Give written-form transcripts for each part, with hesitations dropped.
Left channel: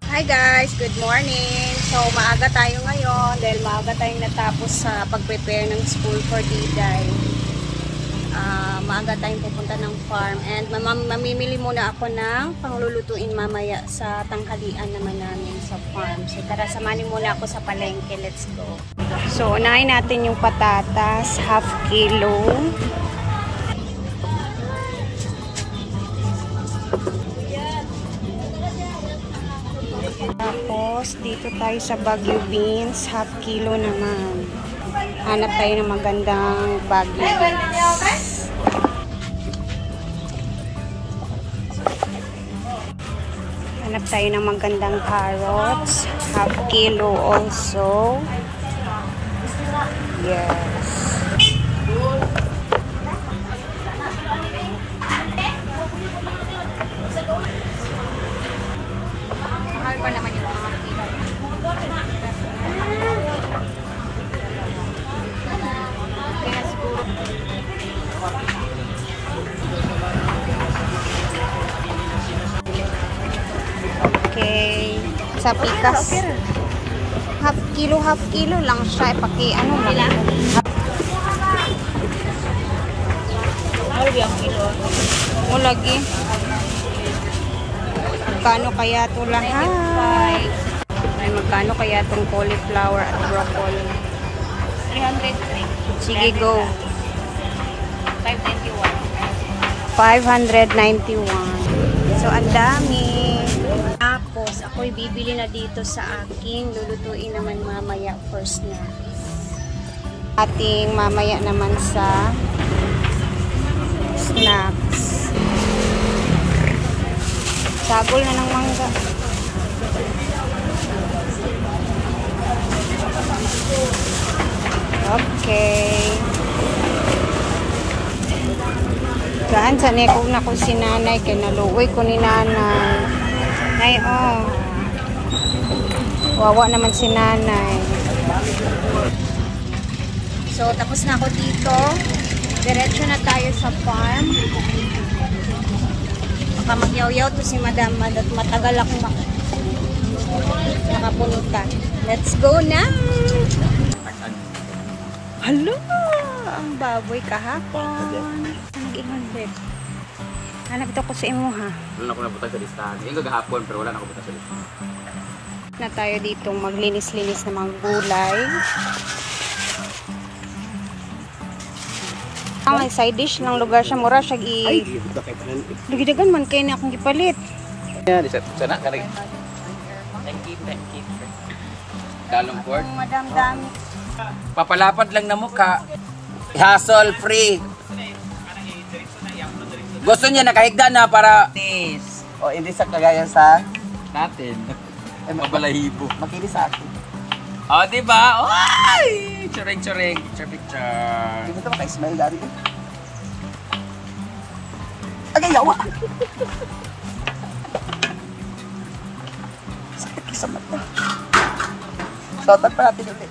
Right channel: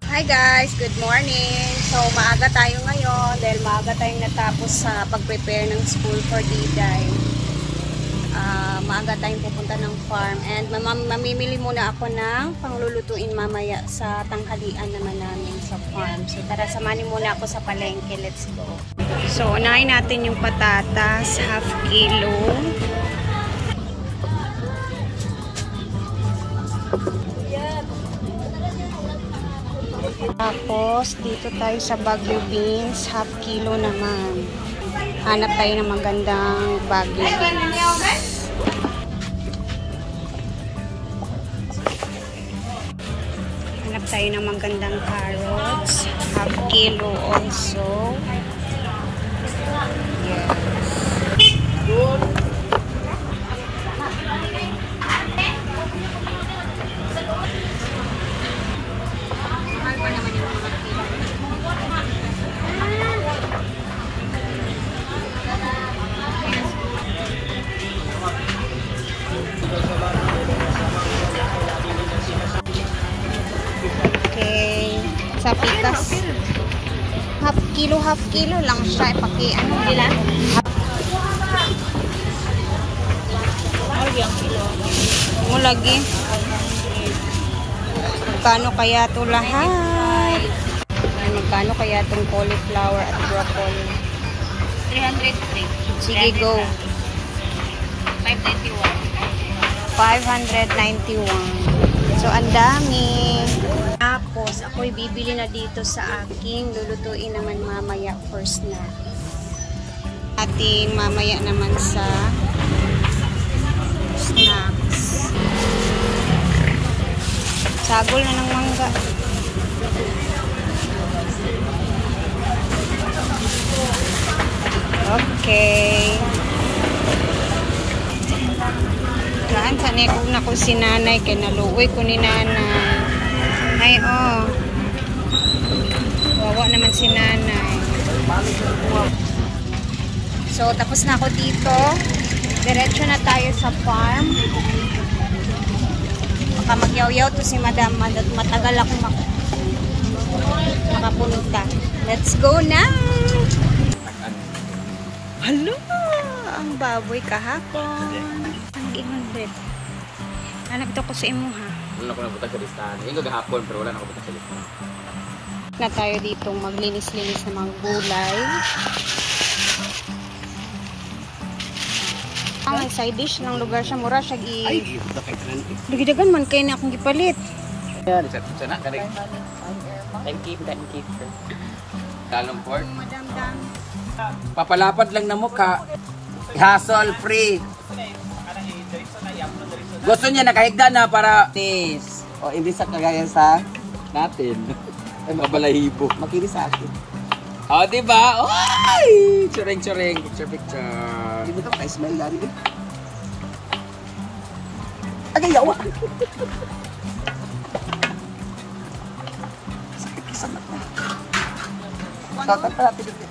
Hi guys, good morning. So maaga tayo ngayon dahil maaga tayong natapos sa pag-prepare ng school for Diday. Maaga tayong pupunta ng farm and mamimili muna ako ng panglulutuin mamaya sa tanghalian naman namin sa farm. So tara, samanin muna ako sa palengke. Let's go. So unahin natin yung patatas, half kilo. Tapos, dito tayo sa Baguio beans, half kilo naman. Hanap tayo ng magandang Baguio beans. Hanap tayo ng magandang carrots, half kilo also. Yes. Sa pitas. Half kilo lang siya. Paki ano lang. Half kilo. Mo lagi. Magkano kaya to lahat? Ay, magkano kaya tong cauliflower at broccoli? 303. Sige, go. 591. 591. So, ang dami. Tapos, ako'y bibili na dito sa aking lulutuin naman mamaya for snacks. Ating mamaya naman sa snacks. Sagol na ng mangga. Okay. Daan sa nikog na ko si nanay kay naluoy ko ni nanay. Ay, oh. Wawa naman si nanay. So, tapos na ako dito. Diretso na tayo sa farm. Baka magyaw-yaw to si madam. Matagal akong makapunta. Let's go na! Hala! Ang baboy kahapon. Nag-ingon, Brett. Hanap ito ko sa imo, ha? Wala ko napunta sa listahan. Yung gagahapon, pero wala na ako punta sa listahan. Na tayo dito maglinis-linis ng mga gulay. Ang side dish ng lugar siya, mura siya Ay, di ko kay tanan. Dugidagan man kayo na akong gipalit. Di sana ka rin. Thank you. Dalong port. Madam Dami. Papalapad lang na mukha. Hassle free. Gusto niya nakahigda na para O hindi sa kagaya sa natin. Mabalahibo. makinis sa akin. O, diba? Oy! Churing. Picture. Hindi mo ito maka-smell dari eh. Agay, yawa! Sakit sa mata. Sotan pa natin ulit.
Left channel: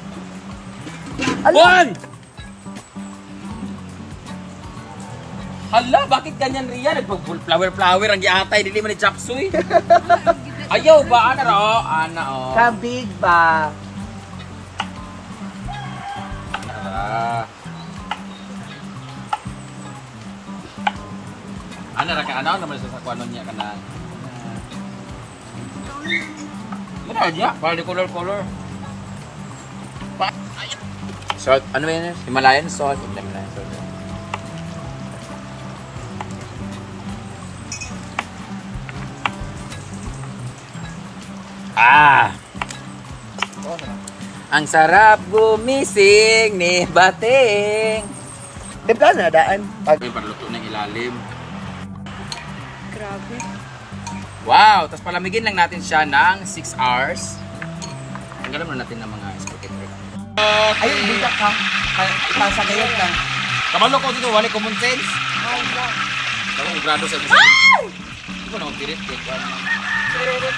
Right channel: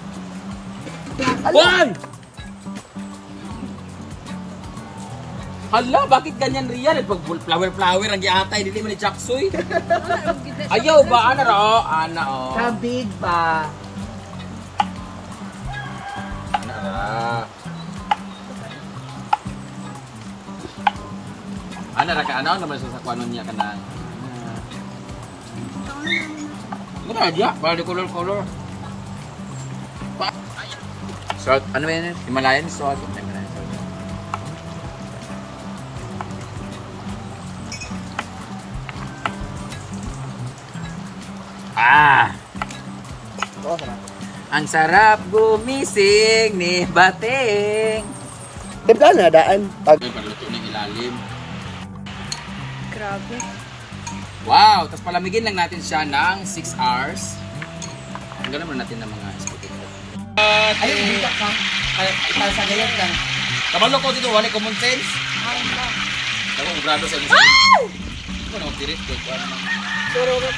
Why? Hala, bakit ganyan riyan? Nagpag-flower ang giatay, dili man ni Chapsuy. Ayaw ba? Ana ro? Ana o. Kabig ba? Ana ra. Ana ra ka ano naman sa sakwanon niya kanang. Mana dia? Para di color. So, ano yun? Himalayan sauce. Ang sarap gumising ni Bating. Di ba na daan? Ito yung paluto ng ilalim. Grabe. Wow! Tapos palamigin lang natin siya ng 6 hours. Tanggalan muna natin ng mga spaghetti. Ayun, hindi ka. Itasagayad lang. Kabalo ko dito, wala common sense. Ako ang grado sa inyo. Hindi ko na magpirit. Tururut.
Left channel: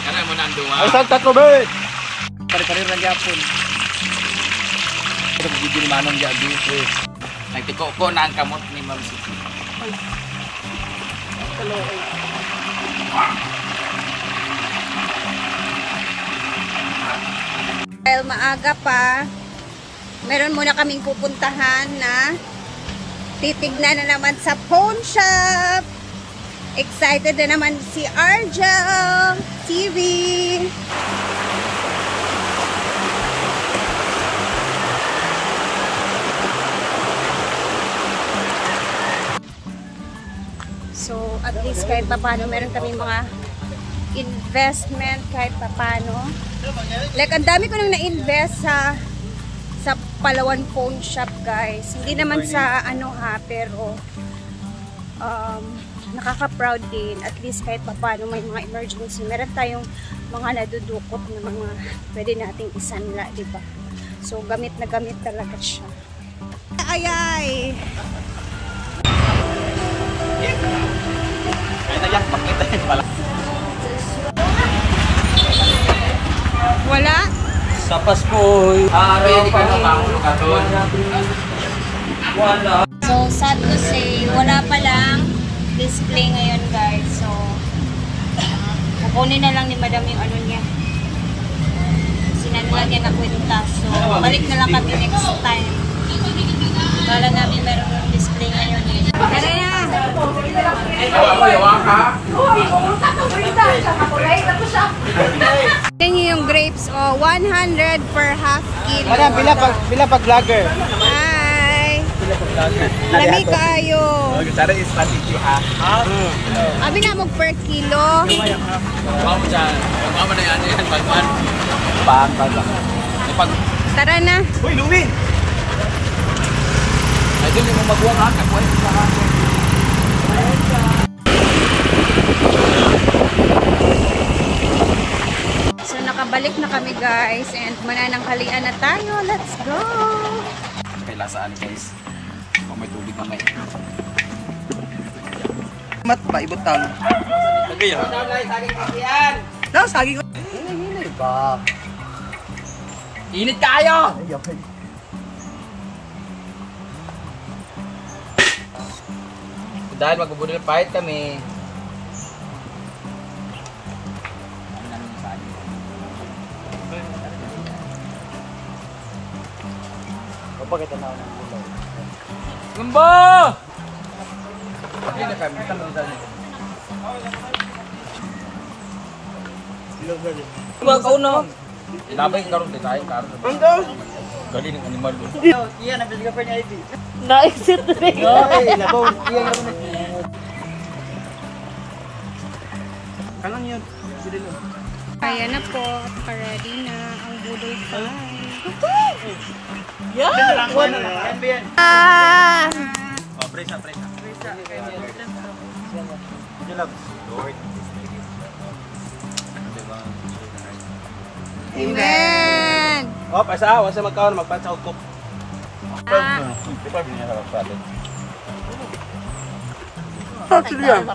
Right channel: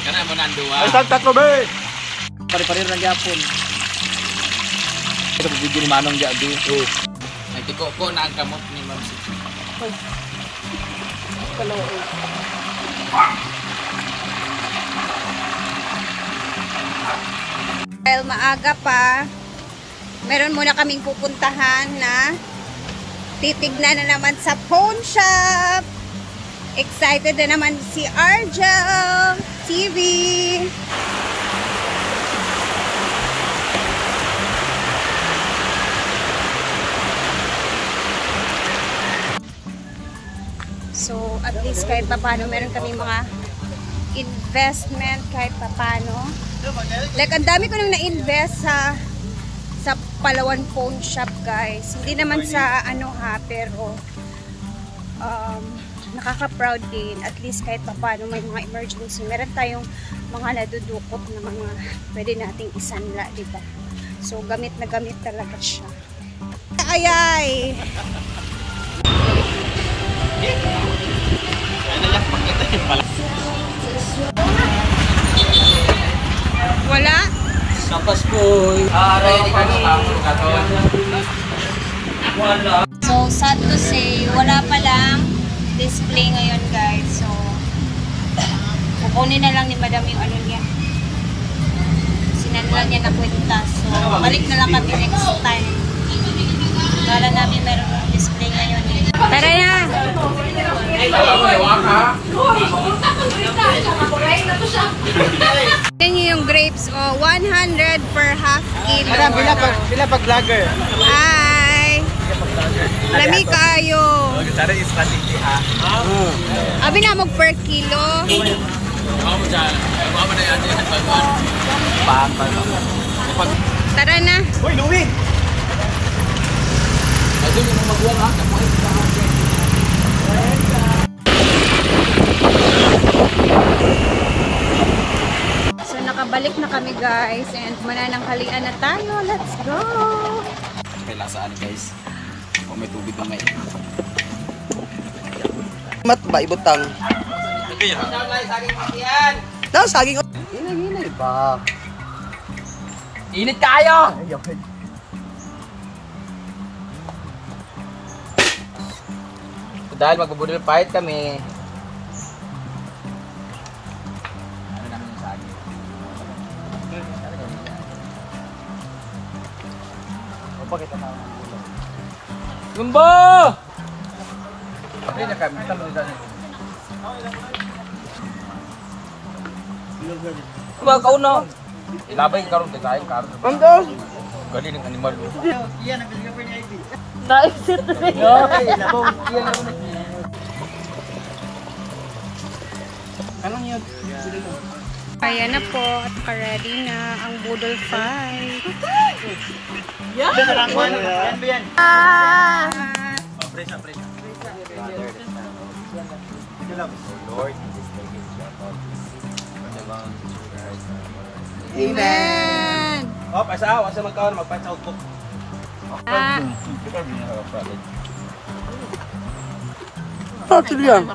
Kana mo nanduwa. Ay, saan ka Ben? Pare-pare lang yapon. Ito video ni Manong Jadi. May tiko ko na ang kamot ni Ma'am Siti. Dahil maaga pa, meron muna kaming pupuntahan na titignan na naman sa pawn shop. Excited na naman si Argel TV. So, at least kahit papano, meron kami mga investment kahit papano. Like, ang dami ko nang na-invest sa Palawan Pawn Shop, guys. Hindi naman sa ano ha, pero nakaka-proud din. At least kahit papano may mga emergency. Meron tayong mga nadudukot na mga pwede nating isanla, diba? So, gamit na gamit talaga siya. Ayay! Wala? Sapas po. Kaya di ka na makulukaton. So, sad to say, wala pa lang display ngayon, guys. So, kukunin na lang ni madam yung ano niya. Sinanla niya na kwenta. So, balik na lang kami next time. Kala namin meron yung display ngayon. Tara na! Yan yung grapes, 100 per half kilo. Bila pag vlogger. Hi! Lami kayo. Tara is strategy ha. Abi na mag per kilo. Tara na. Uy, Louie! Ayun yung magwag ha. Kapoy. So nakabalik na kami, guys, and manananghalian na tayo. Let's go! Kay lasaan guys. Kung may tubig na may. Mat ba ibot taon? Tagay ha. Na saging ko. Hinay ba? Init kayo! Dahil magbubudol fight kami. Ano namin yung saan? Imbo! Hindi na kami. Saan mo rin saan? Mga kauna. Ilabay yung karong design. Ang daw? Galing ng animal. Iya, nabili ka pa niya ID. Na-exit na rin. Ano niyo? Ayan na po, at ready na ang budol fight. Amen! Oh, pasa, wala sa magkaon, magpatsa ko. Sige lang.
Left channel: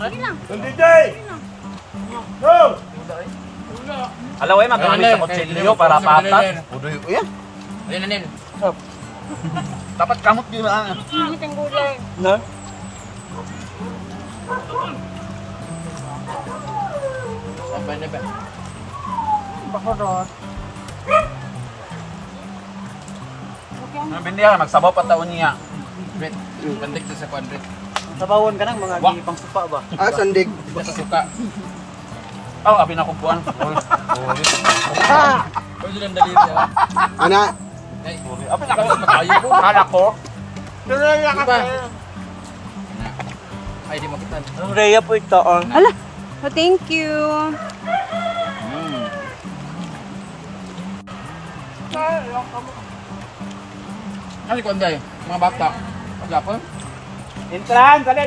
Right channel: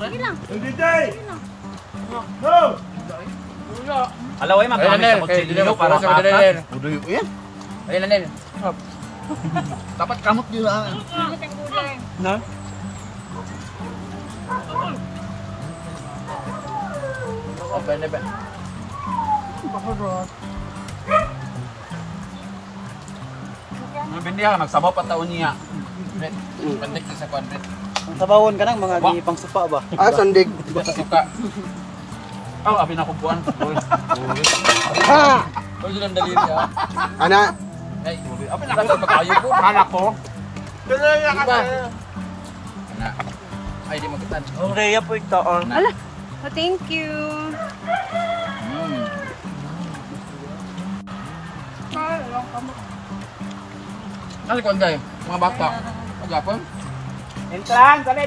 Alaw ay magkakami sa kutsilyo para patat. Udoy ko yan. Ayun na nin. Dapat kamot di ba? No? Apa. Bakurot. Bindihan magsabaw pa taon niya. Bet, pandik sa kwadrit. Tabawon ka na mga gipang suka ba? Ah, sandig. Hindi sa suka. Oh, abi na kumpuan. Pwede lang daliri ha. Ana, Ay, apa na kayo po? Hala ko. Kaya ka. Ana. Ay, di mo kitan. Ang Rhea po ito. Ala, thank you. Ano ko anday? Mga bata. Pag-apon? Entran, dali.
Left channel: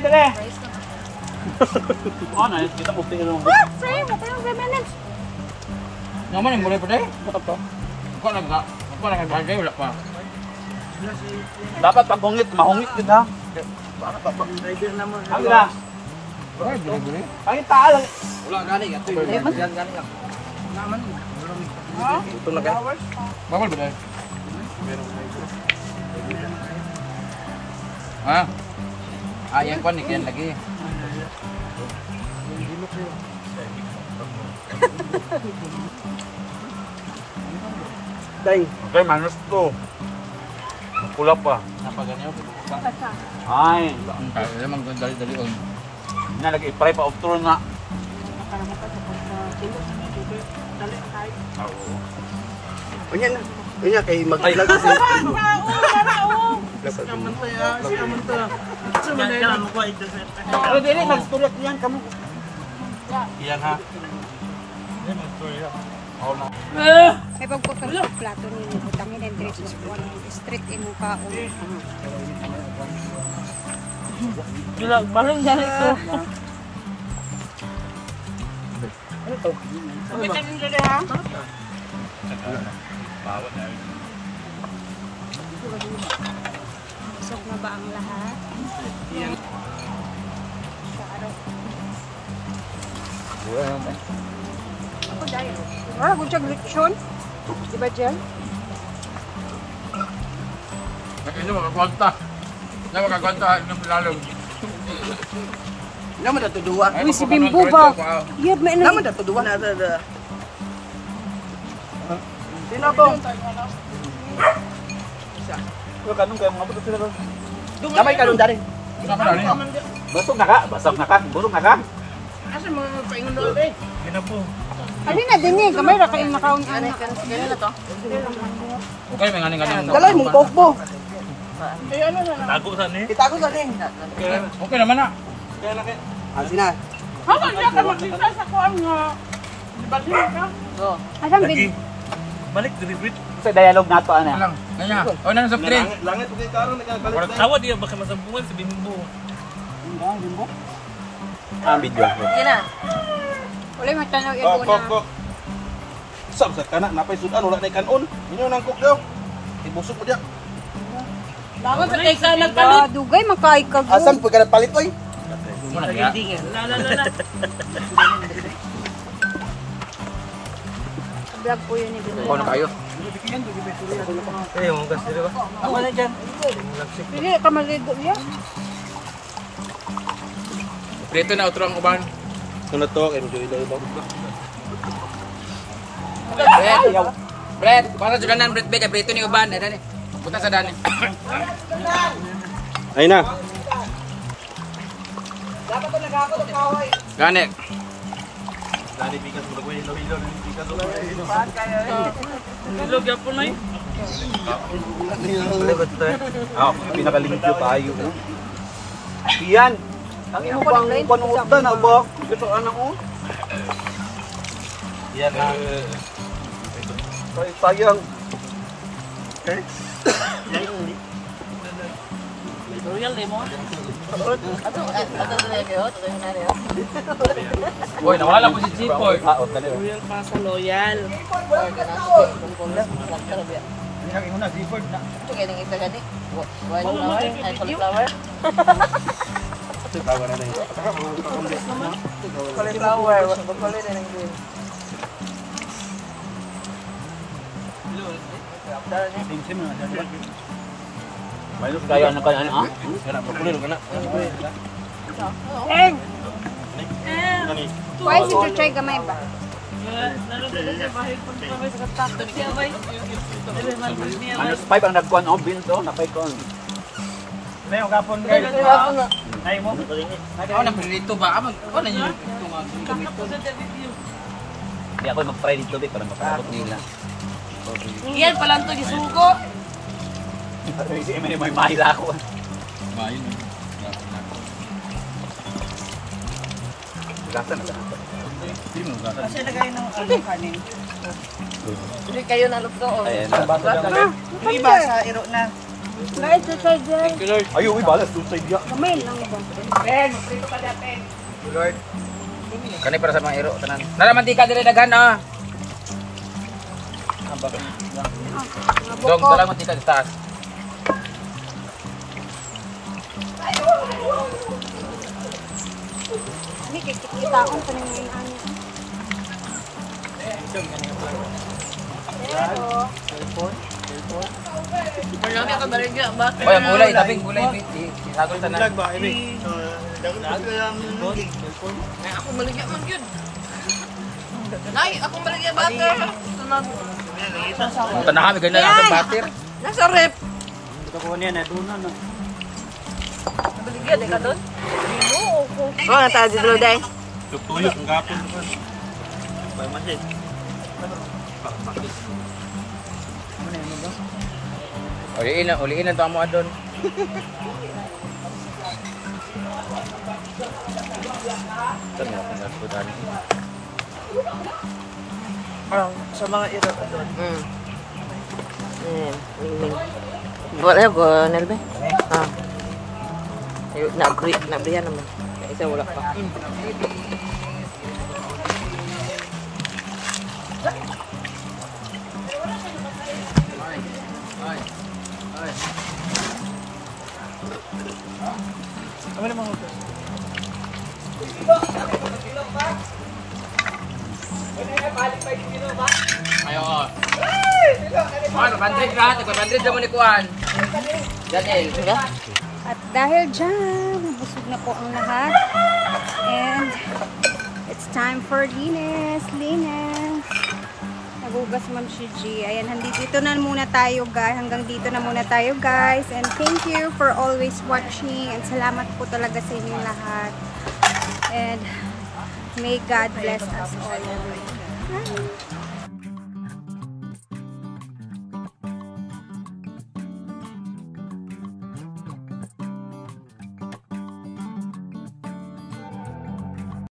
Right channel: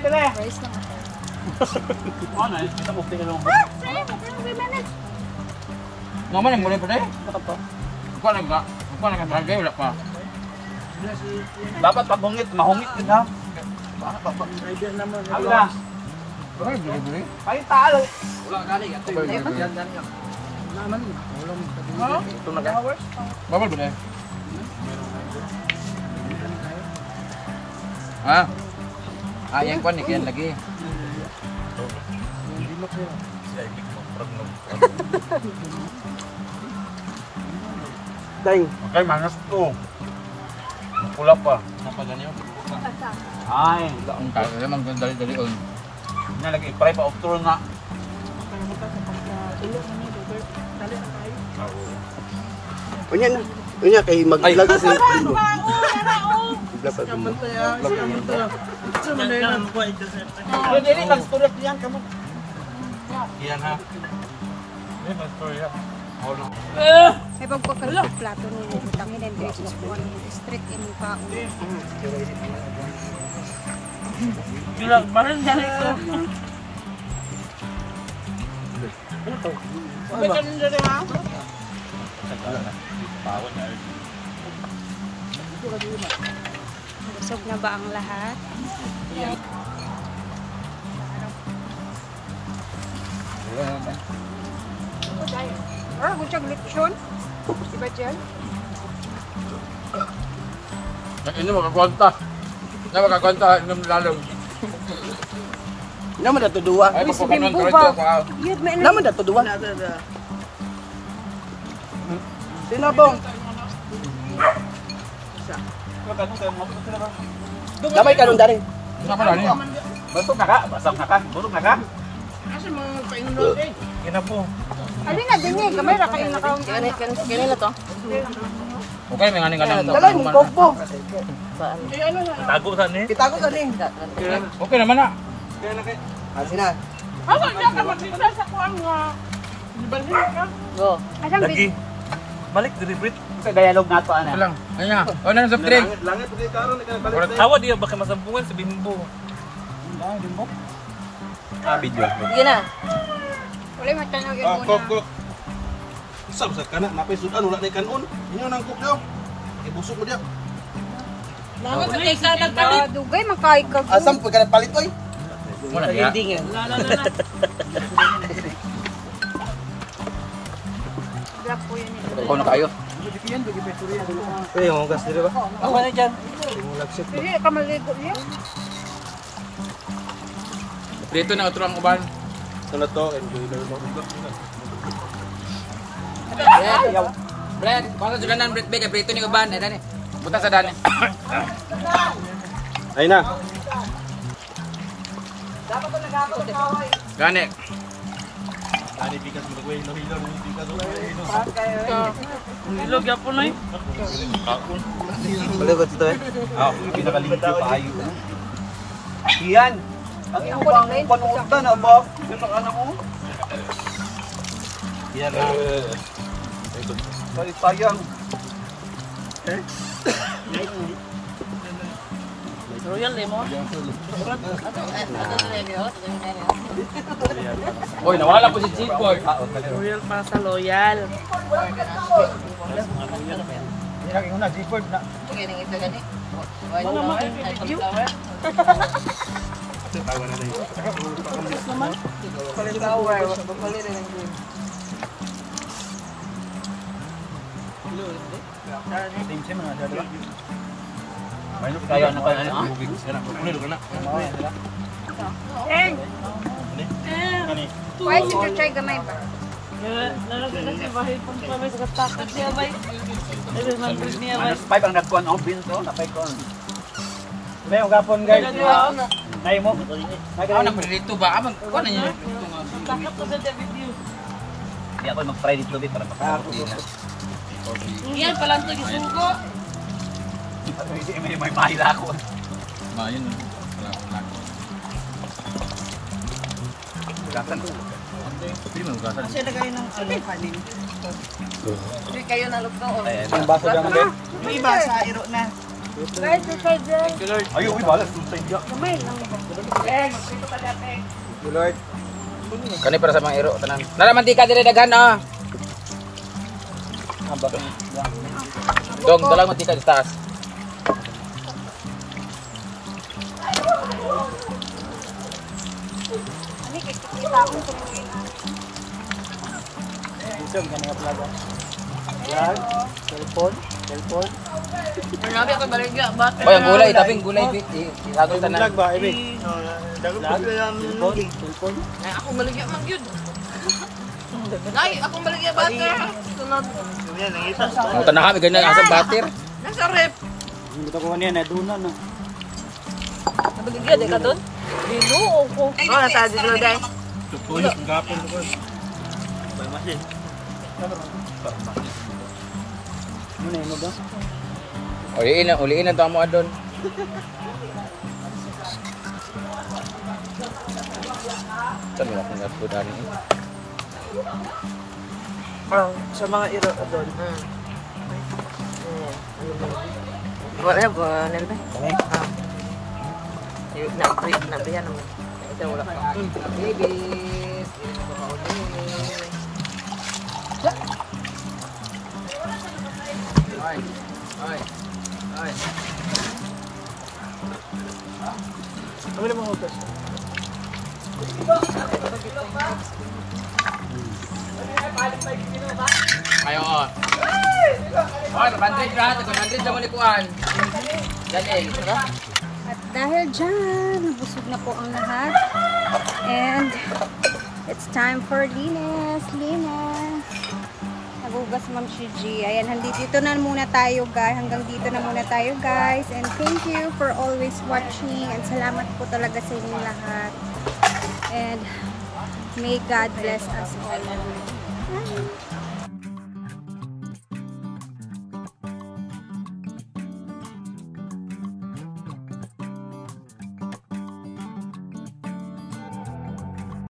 Ano eh? Kita mo tingin mo. Sayang, matayong 7 minutes. Naman ang mulai pa day? Ako nagagay, wala pa. Dapat pag hungit, mahungit din ha. Rider naman. Ano ba? Ay, bili-bili. Ay, taal. Wala gani. Naman. Bawal ba day? Ah. Yang kwan ni kian lagi. Dahil. Okay, manas ko. Pula pa. Napaganyan, buko pa. Ay, Ang tayo naman dali-dali on. nalagay pare pa utro nga. Para mo pa sa pagkakulot na niya, bebe. Dali na tayo. Oo. Unya na. Unya kay mag-vlog kasi. Samantaya. Samantaya mo ito sir. Pero dili nag-storya yan kamo. Iyan ha. Ay, nag-storya. Oo na. May pagpagkalit plato ni butangin and diretso sa buwan. Street imong kaon. Gila, balon yan ito. Ano to? Sabay ka din dyan ha? Bawat na. Busog na ba ang lahat? Ako dahil. Wala mo siyang lechon. Diba, Jem? Ini makakanta. Na makakanta ng lalong. Naman na to duwa. Uy, si Bimbo ba? Yun, may Naman na to duwa. Ko kanong kay mga buto sila ron. Damay ka nung dari. Ano pa dali? Busog na ka, basag na ka, busog na ka. Asa mga paingon doon eh? Kina po. Alin na din eh. Kamay na kayo nakaon. Okay, may nganing kanang. Dalay mo to po. Tago sa ni. Kita ko sa din. Okay naman na. Asina. Hawa niya ka makita sa kuan nga. Balhin ka. Asang bin? Balik diri Brit. Sa dialogue nato ana. Lang. Kanya. O na soft drink. Hawa diya baka masambungan sa Bimbo. Video. Wala mo tanaw yung una. Isam sa kana napay sudan wala na kanon. Inyo nang kukyo. Ibusog mo diya. Langat na kayo sa nagpalit. Dugay makay ka. Asam pag kana palit oy. Mo na diya. La. Vlog po yun ito. Ano kayo? Ini mo gas diri ka. Wala dyan. Hindi ka maligo niya. Prito na utro ang uban. Kuna to kay dili daw. Brett, para juganan Brett Beke, prito ni uban. Ay dani. Buta sa dani. Ay na. Gani. Ilog ya po na eh. Dili ko to. Ah, pinakalimpyo pa ayo. Iyan. Ang iyong pang na ba? Gusto ka na mo? Iyan na. Sayang. Royal eh mo. Oy, nawala ko si G-Boy. Royal pa sa loyal. Hindi na inuna Gifford na. Mga mag-video. Minus kaya na kaya na. Why si Chuchay gamay ba? Lalagyan sa bahay po kami sa katapos siya bay. Minus 5 ang nagkuhan o bill to, na 5 kon. May ugapon guys. Nay mo. Ako na prito ba? Amang ko na niyo ito nga gamito. Hindi ako mag-try dito para mapakabot nila. Yan pala ito yung sugo. Si Emily may mahila ako. Mayon. Gatan. Hindi mo gatan. Kasi lagay ng kanin. Hindi kayo nalugdoon. Yung iba sa iro na. Guys, Chuchay dyan. Ayaw, balas dun sa iya. Gamay lang ba? Kani para sa mga hero tanan. Nara mantika dire daghan ah. Dog dalang mantika sa taas. Hindi kay kita-kitaon pa nang ngayon. Marami ako baligya. Bakit? Oy, gulay, tabing gulay. Itago tanan. Vlog ba? Na ako maligya man gyud. Nay, ako maligya butter. Sunod. Tanahan, ganyan ang sa butter. Nasa rep. Hindi ka kuha niya na doon no. Maligya de ka doon. Dino ko. Ba ta dito dai. Tutunik ang gapon ko. Bay masin. Uliin na ito mo adon. Tanong, nasudan. Sa mga iro doon. Wala ko nalbe. Ayo na briyan naman. Isa wala pa. Ay. Ano naman hugas? Ayo. Hoy, 100 lahat. 100 naman ni Kuan. Daniel, diba? At dahil dyan, nabusog na po ang lahat. And it's time for linis. Nagugas Ma'am Shiji. Ayan, dito na muna tayo guys. Hanggang dito na muna tayo guys. And thank you for always watching. And salamat po talaga sa inyong lahat. And may God bless us all. Bye.